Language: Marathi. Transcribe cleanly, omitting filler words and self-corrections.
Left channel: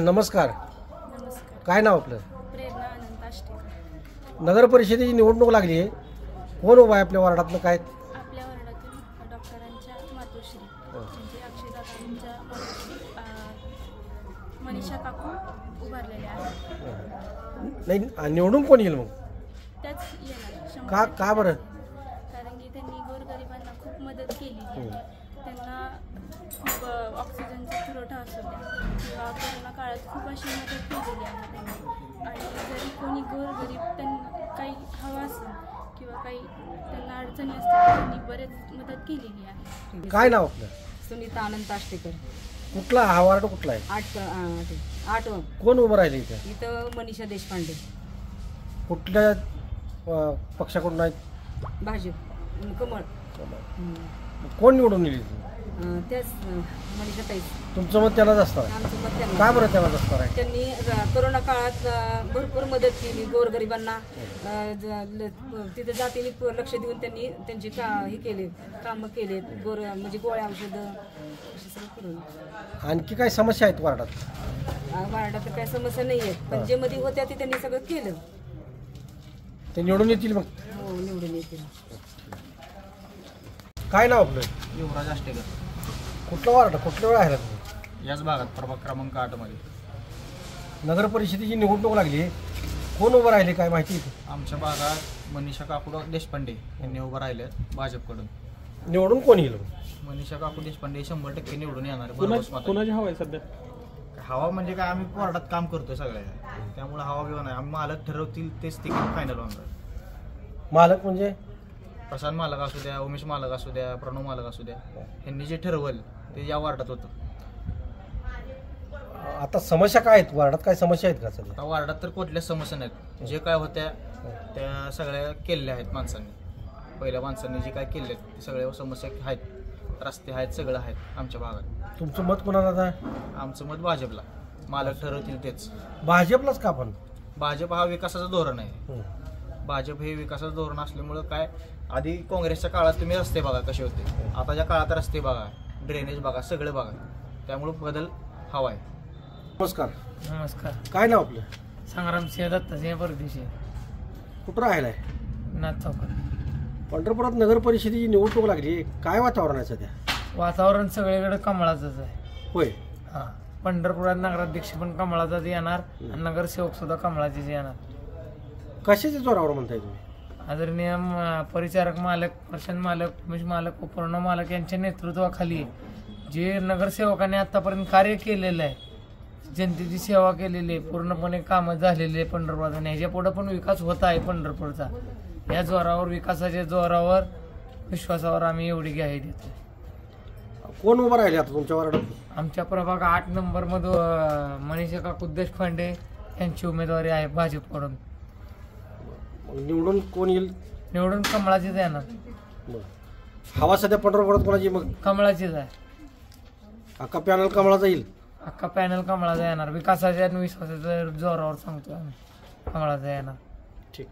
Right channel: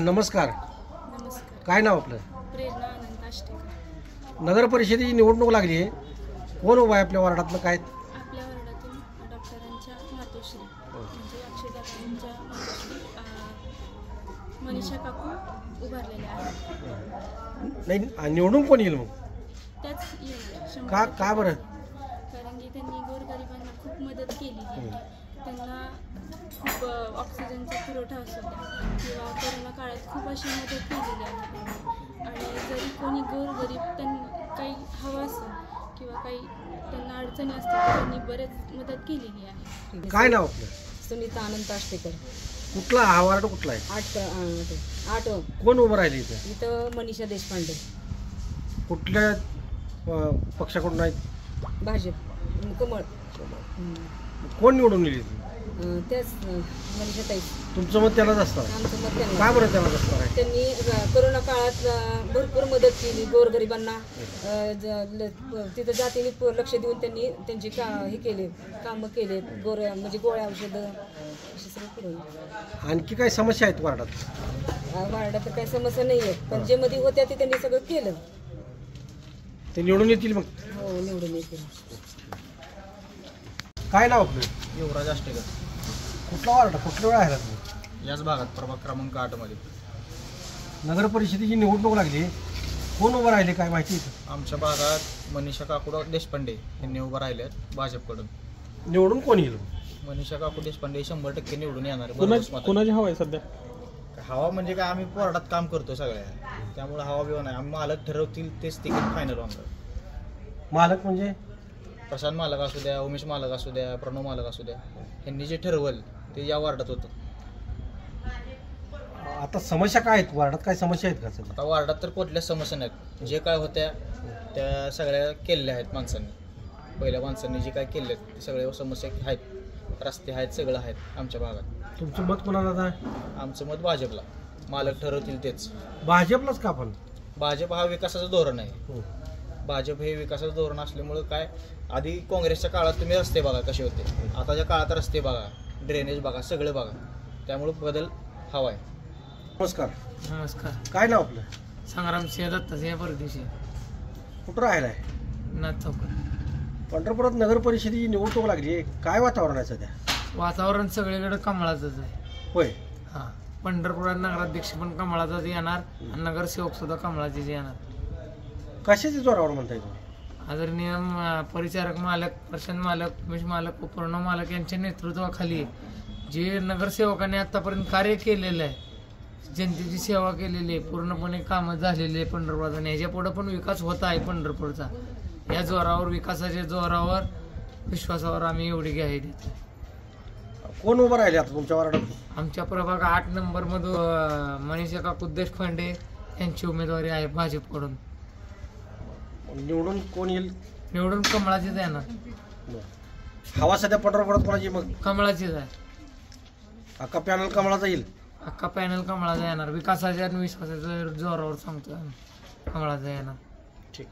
नमस्कार. नमस्कार. काय नाव आपलं? प्रेरणा अनंत आष्टेकर. नगर परिषदेची निवडणूक लागली आहे. कोण उभा आहे आपल्या वार्डातलं? काय आपल्या वार्डातील डॉक्टरांच्या मातोश्री म्हणजे अक्षयदादांच्या मातोश्री मनीषा काकू उभारलेल्या आहेत. नाही, निवडून कोण येईल मग? त्याच येणार 100%. का बरं? कारण की त्यांनी गोरगरिबांना खूप मदत केली आहे. त्यांना खूप ऑक्सिजनचा पुरवठा असू द्या किंवा कोरोना काळात खूप अशी मदत केलेली आहे त्यांनी. आणि जरी कोणी गोरगरीब त्यांना काही हवं असेल किंवा काही त्यांना अडचणी असतील तर त्यांनी बरेच मदत केलेली आहे. काय नाव आपलं? सुनीता अनंत आष्टेकर. कुठला हा वार्ड कुठला आहे? आठ कोण उभं राहिले इथे? इथं मनीषा देशपांडे. कुठल्या पक्षाकडून आहेत? भाजप कमळ. कोण निवडून येईल? त्याच मनीषा ताई. तुमचं मत त्यालाच असणार? आमचं मत त्यांना. का बरं त्यालाच असणार आहे? त्यांनी कोरोना काळात भरपूर मदत केली गोरगरिबांना. तिथं जातीने लक्ष देऊन त्यांनी त्यांची हे केले, कामं केले. म्हणजे गोळ्या औषधं असे सगळं करून. आणखी काय समस्या आहेत वार्डात? वार्डात तर काही समस्या नाही आहेत, पण जे मध्ये होत्या ते त्यांनी सगळं केलं. ते निवडून येतील मग? हो, निवडून येतील. काय नाव आपलं? युवराज आष्टेकर. कुठला वार्ड? कुठल्या वेळा आहे? याच भागात प्रभाग क्रमांक 8 मध्ये नगर परिषदेची निवडणूक लागली. कोण उभं राहिले काय माहिती आहे? आमच्या भागात मनीषा काकू देशपांडे यांनी उभं राहिले भाजपकडून. निवडून कोण येईल? मनीषा काकू देशपांडे 100% निवडून येणार. कोणाची हवा आहे सध्या? हवा म्हणजे काय, आम्ही वार्डात काम करतोय सगळ्या, त्यामुळे हवा बिवा नाही. आम्ही मालक ठरवतील तेच तिकीट फायनल होणार आहे. मालक म्हणजे प्रशांत मालक असू द्या, उमेश मालक असू द्या, प्रणव मालक असू द्या, यांनी जे ठरवलं ते या वार्डात होतं. आता समस्या काय आहेत वार्डात? काय समस्या आहेत का? आता वार्डात तर कुठल्याच समस्या नाहीत. जे काय होत्या त्या सगळ्या केलेल्या आहेत माणसांनी. पहिल्या माणसांनी जे काय केले ते सगळ्या समस्या आहेत. रस्ते आहेत, सगळं आहेत आमच्या भागात. तुमचं मत कोणाला आहे? आमचं मत भाजपला. मालक ठरवतील तेच. भाजपलाच का? पण भाजप हा विकासाचं धोरण आहे. भाजप हे विकासाचं धोरण असल्यामुळं काय, आधी काँग्रेसच्या काळात तुम्ही रस्ते बघा कसे होते, आताच्या काळात रस्ते बघा, ड्रेनेज बघा, सगळं बघा. त्यामुळे बदल हवा आहे. नमस्कार. नमस्कार. काय नाव आपलं? संग्राम सिंह दत्तासिंह परदेशी. कुठं राहिला आहे? नाथ चौकात. पंढरपुरात नगर परिषदेची निवडणूक लागली. काय वातावरण आहे सध्या? वातावरण सगळीकडे कमळाचंच आहे. होय. हां, पंढरपुरात नगराध्यक्ष पण कमळाचाच येणार आणि नगरसेवक सुद्धा कमळाचेच येणार. कशाच्या जोरावर म्हणताय तुम्ही? आदरणीय परिचारक मालक, प्रशांत मालक, उमेश मालक, प्रणव मालक यांच्या नेतृत्वाखाली जे नगरसेवकांनी आतापर्यंत कार्य केलेलं आहे, जनतेची सेवा केलेली आहे, पूर्णपणे कामं झालेली आहे पंढरपुरात. आणि ह्याच्या पुढे पण विकास होत आहे पंढरपूरचा. या जोरावर, विकासाच्या जोरावर, विश्वासावर आम्ही एवढी ग्वाही देतो. कोण उभं राहिले आता तुमच्या वार्डात? आमच्या प्रभाग 8 नंबरमधून मनीषा काकू देशपांडे यांची उमेदवारी आहे भाजपकडून. निवडून कोण येईल? निवडून कमळाचीच येणार. हवा सध्या पंढरपुरात कोणाची? मग कमळाचीच आहे. अख्खा पॅनल कमळाचा येईल? अख्खा पॅनल कमळाचा येणार. विकासाच्या आणि विश्वासाच्या जोरावर सांगतो आम्ही, कमळाचा येणार. ठीक.